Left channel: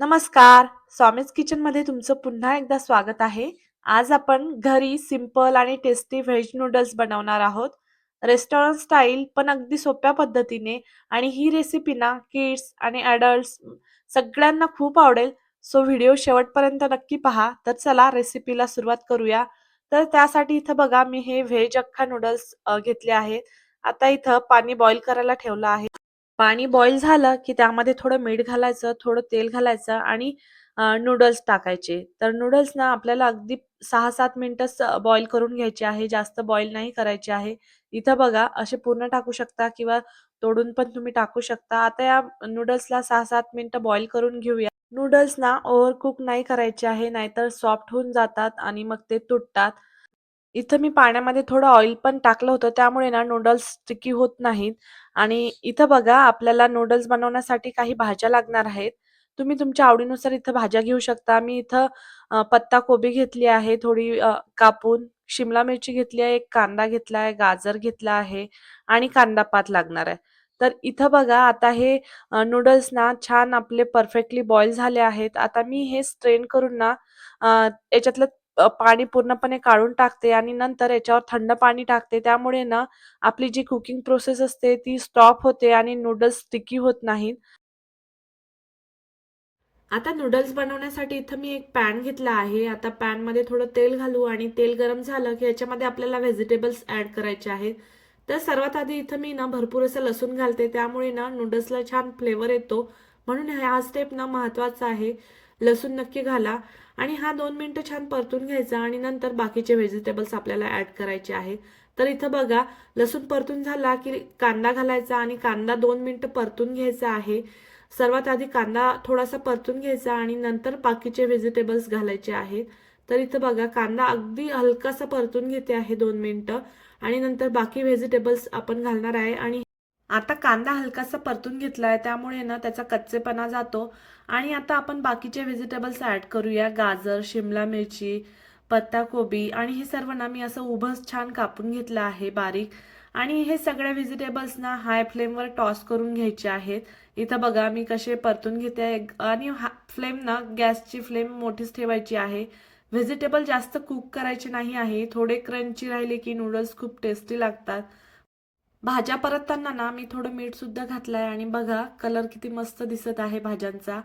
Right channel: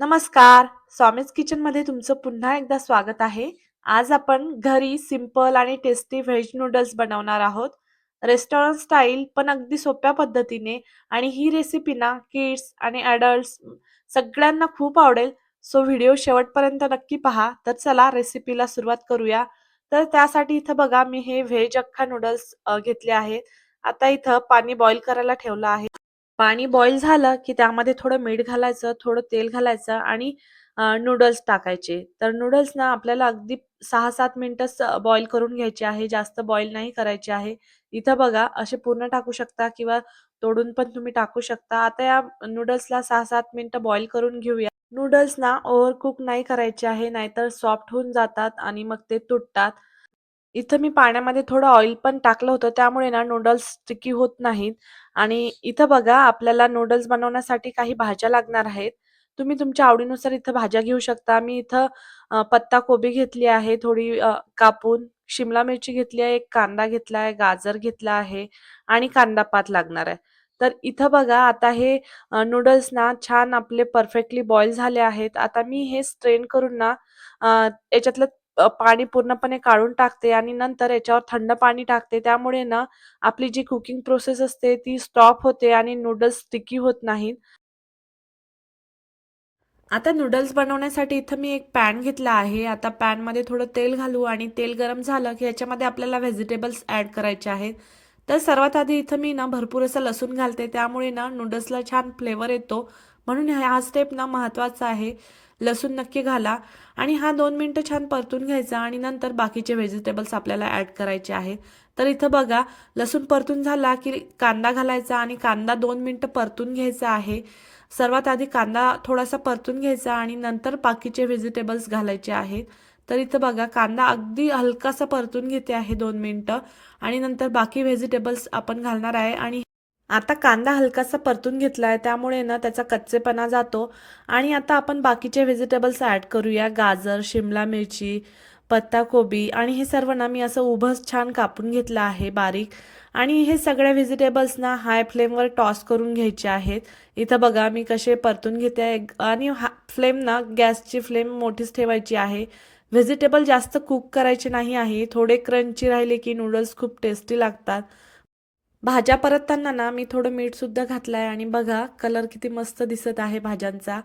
नमस्कार. स्वामीज किचनमध्ये तुमचं पुन्हा एकदा स्वागत आहे. आज आपण घरी सिंपल आणि टेस्टी व्हेज नूडल्स बनवणार आहोत. रेस्टॉरंट स्टाईल पण अगदी सोप्या पद्धतीने आणि ही रेसिपी ना किड्स आणि अडल्ट्स सगळ्यांना खूप आवडेल. सो व्हिडिओ शेवटपर्यंत नक्की पहा. तर चला रेसिपीला सुरुवात करूया. तर त्यासाठी इथं बघा मी हे व्हेज अख्खा नूडल्स घेतले आहेत. आता इथं पाणी बॉईल करायला ठेवलं आहे. पाणी बॉईल झालं की त्यामध्ये थोडं मीठ घालायचं, थोडं तेल घालायचं आणि नूडल्स टाकायचे. तर नूडल्स ना आपल्याला अगदी 6-7 मिनिटंच बॉईल करून घ्यायचे आहे. जास्त बॉईल नाही करायचे आहे. इथं बघा असे पूर्ण टाकू शकता किंवा तोडून पण तुम्ही टाकू शकता. आता या नूडल्सला 6-7 मिनिटं बॉईल करून घेऊया. नूडल्स ना ओव्हरकुक नाही करायचे आहे, नाहीतर सॉफ्ट होऊन जातात आणि मग ते तुटतात. इथं मी पाण्यामध्ये थोडं ऑइल पण टाकलं होतं, त्यामुळे ना नूडल्स स्टिकी होत नाहीत. आणि इथं बघा आपल्याला नूडल्स बनवण्यासाठी काही भाज्या लागणार आहेत. तुम्ही तुमच्या आवडीनुसार इथं भाज्या घेऊ शकता. मी इथं पत्ताकोबी घेतली आहे थोडी कापून, शिमला मिरची घेतली आहे, एक कांदा घेतला आहे, गाजर घेतला आहे आणि कांदा पात लागणार आहे. तर इथं बघा आता हे नूडल्स ना छान आपले परफेक्टली बॉईल झाले आहेत. आता मी हे स्ट्रेन करून ना याच्यातलं पाणी पूर्णपणे काढून टाकते आणि नंतर याच्यावर थंड पाणी टाकते. त्यामुळे ना आपली जी कुकिंग प्रोसेस असते ती स्टॉप होते आणि नूडल्स स्टिकी होत नाहीत. आता नूडल्स बनवण्यासाठी इथं मी एक पॅन घेतला आहे. आता पॅनमध्ये थोडं तेल घालू आणि तेल गरम झालं की ह्याच्यामध्ये आपल्याला व्हेजिटेबल्स ॲड करायचे आहेत. तर सर्वात आधी इथं मी ना भरपूर असं लसूण घालते, त्यामुळे ना नूडल्सला छान फ्लेवर येतो. म्हणून हा स्टेप ना महत्त्वाचा आहे. लसूण नक्की घाला आणि हा 2 मिनिटं छान परतून घ्यायचा आणि नंतर बाकीचे व्हेजिटेबल्स आपल्याला ॲड करायचे आहेत. तर इथं बघा लसूण परतून झाला की कांदा घालायचा आणि कांदा 2 मिनिटं परतून घ्यायचा आहे. सर्वात आधी कांदा थोडासा परतून घ्यायचा आणि नंतर बाकीचे व्हेजिटेबल्स घालायचे आहेत. तर इथं बघा कांदा अगदी हलकासा परतून घेते आहे 2 मिनिटं आणि नंतर बाकी व्हेजिटेबल्स आपण घालणार आहे. आणि आता कांदा हलकासा परतून घेतला आहे, त्यामुळे ना त्याचा कच्चेपणा जातो. आणि आता आपण बाकीचे व्हेजिटेबल्स ॲड करूया. गाजर, शिमला मिरची, पत्ताकोबी आणि हे सर्व ना मी असं उभं छान कापून घेतलं आहे बारीक. आणि हे सगळ्या व्हेजिटेबल्स ना हाय फ्लेमवर टॉस करून घ्यायचे आहेत. इथं बघा मी कसे परतून घेते आहे आणि फ्लेम ना गॅसची फ्लेम मोठीच ठेवायची आहे. व्हेजिटेबल जास्त कुक करायचे नाही आहे. थोडे क्रंची राहिले की नूडल्स खूप टेस्टी लागतात. भाज्या परतताना ना मी थोडं मीठ सुद्धा घातलंय आणि बघा कलर किती मस्त दिसत आहे भाज्यांचा.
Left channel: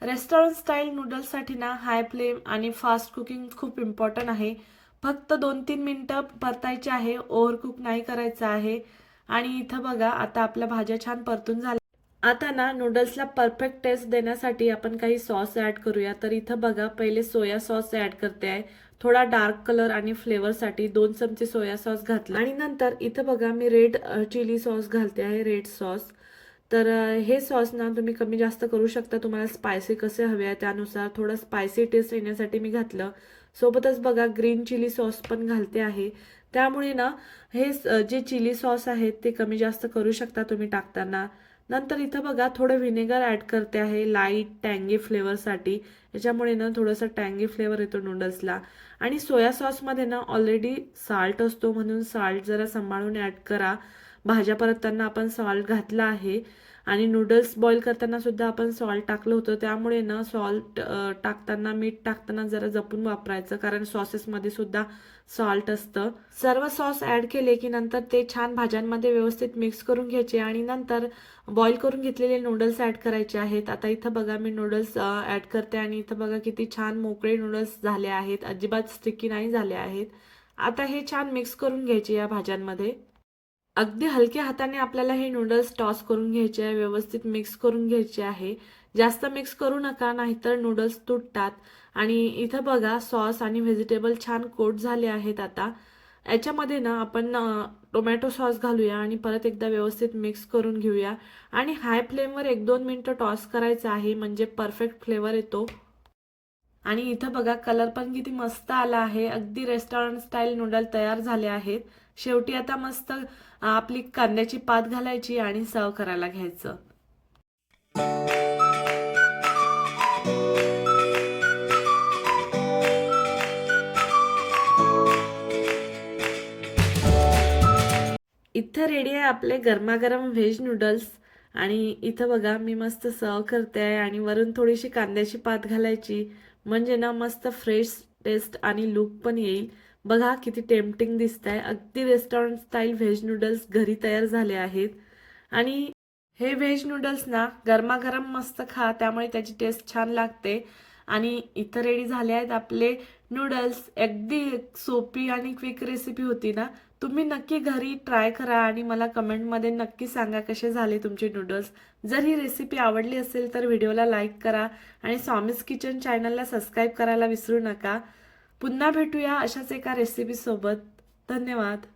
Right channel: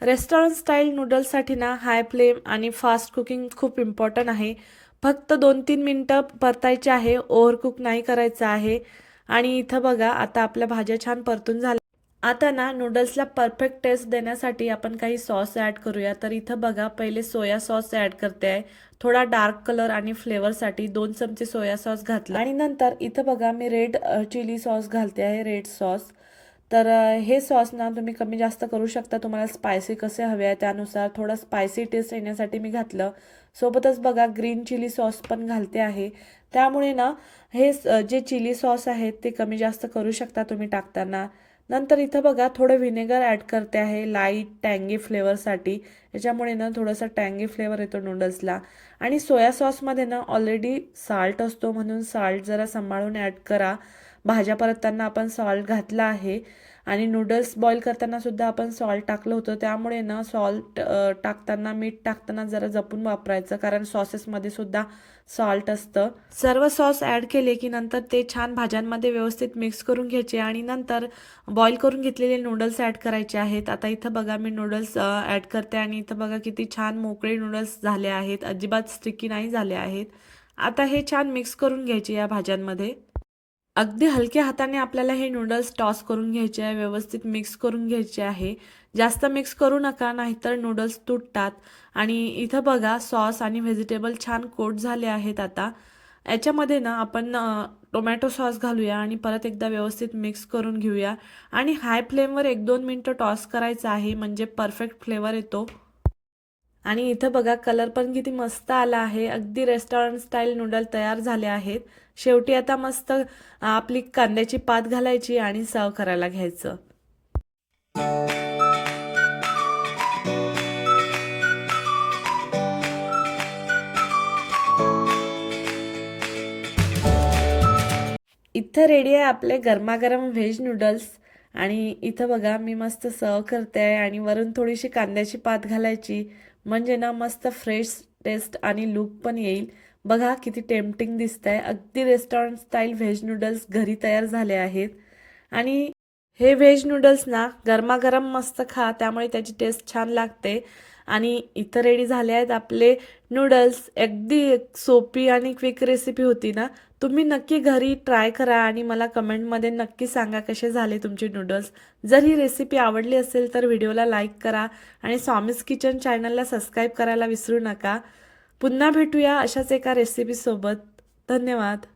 रेस्टॉरंट स्टाईल नूडल्ससाठी ना हाय फ्लेम आणि फास्ट कुकिंग खूप इम्पॉर्टंट आहे. फक्त 2-3 मिनिटं परतायचे आहे, ओव्हरकुक नाही करायचं आहे. आणि इथं बघा आता आपल्या भाज्या छान परतून झाल्या. आता ना नूडल्सला परफेक्ट टेस्ट देण्यासाठी आपण काही सॉस ॲड करूया. तर इथं बघा पहिले सोया सॉस ॲड करते आहे. थोडा डार्क कलर आणि फ्लेवरसाठी 2 चमचे सोया सॉस घातला आणि नंतर इथं बघा मी रेड चिली सॉस घालते आहे, रेड सॉस. तर हे सॉस ना तुम्ही कमी जास्त करू शकता, तुम्हाला स्पायसी कसे हवे आहे त्यानुसार. थोडं स्पायसी टेस्ट येण्यासाठी मी घातलं. सोबतच बघा ग्रीन चिली सॉस पण घालते आहे. त्यामुळे ना हे जे चिली सॉस आहेत ते कमी जास्त करू शकता तुम्ही टाकताना. नंतर इथं बघा थोडं व्हिनेगर ॲड करते आहे लाईट टँगी फ्लेवरसाठी. त्याच्यामुळे ना थोडंसं टँगी फ्लेवर येतो नूडल्सला. आणि सोया सॉसमध्ये ना ऑलरेडी साल्ट असतो, म्हणून साल्ट जरा सांभाळून ॲड करा. भाज्या परतताना आपण सॉल्ट घातला आहे आणि नूडल्स बॉईल करताना सुद्धा आपण सॉल्ट टाकलं होतं. त्यामुळे ना सॉल्ट टाकताना, मीठ टाकताना जरा जपून वापरायचं, कारण सॉसेसमध्ये सुद्धा सॉल्ट असतं. सर्व सॉस ॲड केले की नंतर ते छान भाज्यांमध्ये व्यवस्थित मिक्स करून घ्यायचे आणि नंतर बॉईल करून घेतलेले नूडल्स ॲड करायचे आहेत. आता इथं बघा मी नूडल्स ॲड करते आणि इथं बघा किती छान मोकळे नूडल्स झाले आहेत, अजिबात स्टिकी नाही झाले आहेत. आता हे छान मिक्स करून घ्यायचे या भाज्यांमध्ये. अगदी हलक्या हाताने आपल्याला हे नूडल्स टॉस करून घ्यायचे आहे, व्यवस्थित मिक्स करून घ्यायचे आहे. जास्त मिक्स करू नका, नाहीतर नूडल्स तुटतात. आणि इथं बघा सॉस आणि व्हेजिटेबल छान कोट झाले आहेत. आता याच्यामध्ये ना आपण टोमॅटो सॉस घालूया आणि परत एकदा व्यवस्थित मिक्स करून घेऊया. आणि हाय फ्लेमवर 1-2 मिनिटं टॉस करायचं आहे, म्हणजे परफेक्ट फ्लेवर येतो. आणि इथं बघा कलर पण किती मस्त आला आहे. अगदी रेस्टॉरंट स्टाईल नूडल तयार झाले आहेत. शेवटी आता मस्त आपली कांद्याची पात घालायची आणि सर्व करायला घ्यायचं. इथं रेडी आहे आपले गरमागरम व्हेज नूडल्स. आणि इथं बघा मी मस्त सर्व करते आहे आणि वरून थोडीशी कांद्याची पात घालायची, म्हणजे ना मस्त फ्रेश टेस्ट आणि लुक पण येईल. बघा किती टेम्पटिंग दिसतंय. अगदी रेस्टॉरंट स्टाईल व्हेज नूडल्स घरी तयार झाले आहेत. आणि हे व्हेज नूडल्स ना गरमागरम मस्त खा, त्यामुळे त्याची टेस्ट छान लागते. आणि इथं रेडी झाले आहेत आपले नूडल्स. अगदी सोपी आणि क्विक रेसिपी होती ना. तुम्ही नक्की घरी ट्राय करा आणि मला कमेंटमध्ये नक्की सांगा कसे झाले तुमचे नूडल्स. जर ही रेसिपी आवडली असेल तर व्हिडिओला लाईक करा आणि स्वामीज किचन चॅनलला सबस्क्राईब करायला विसरू नका. पुन्हा भेटूया अशाच एका रेसिपीसोबत. धन्यवाद.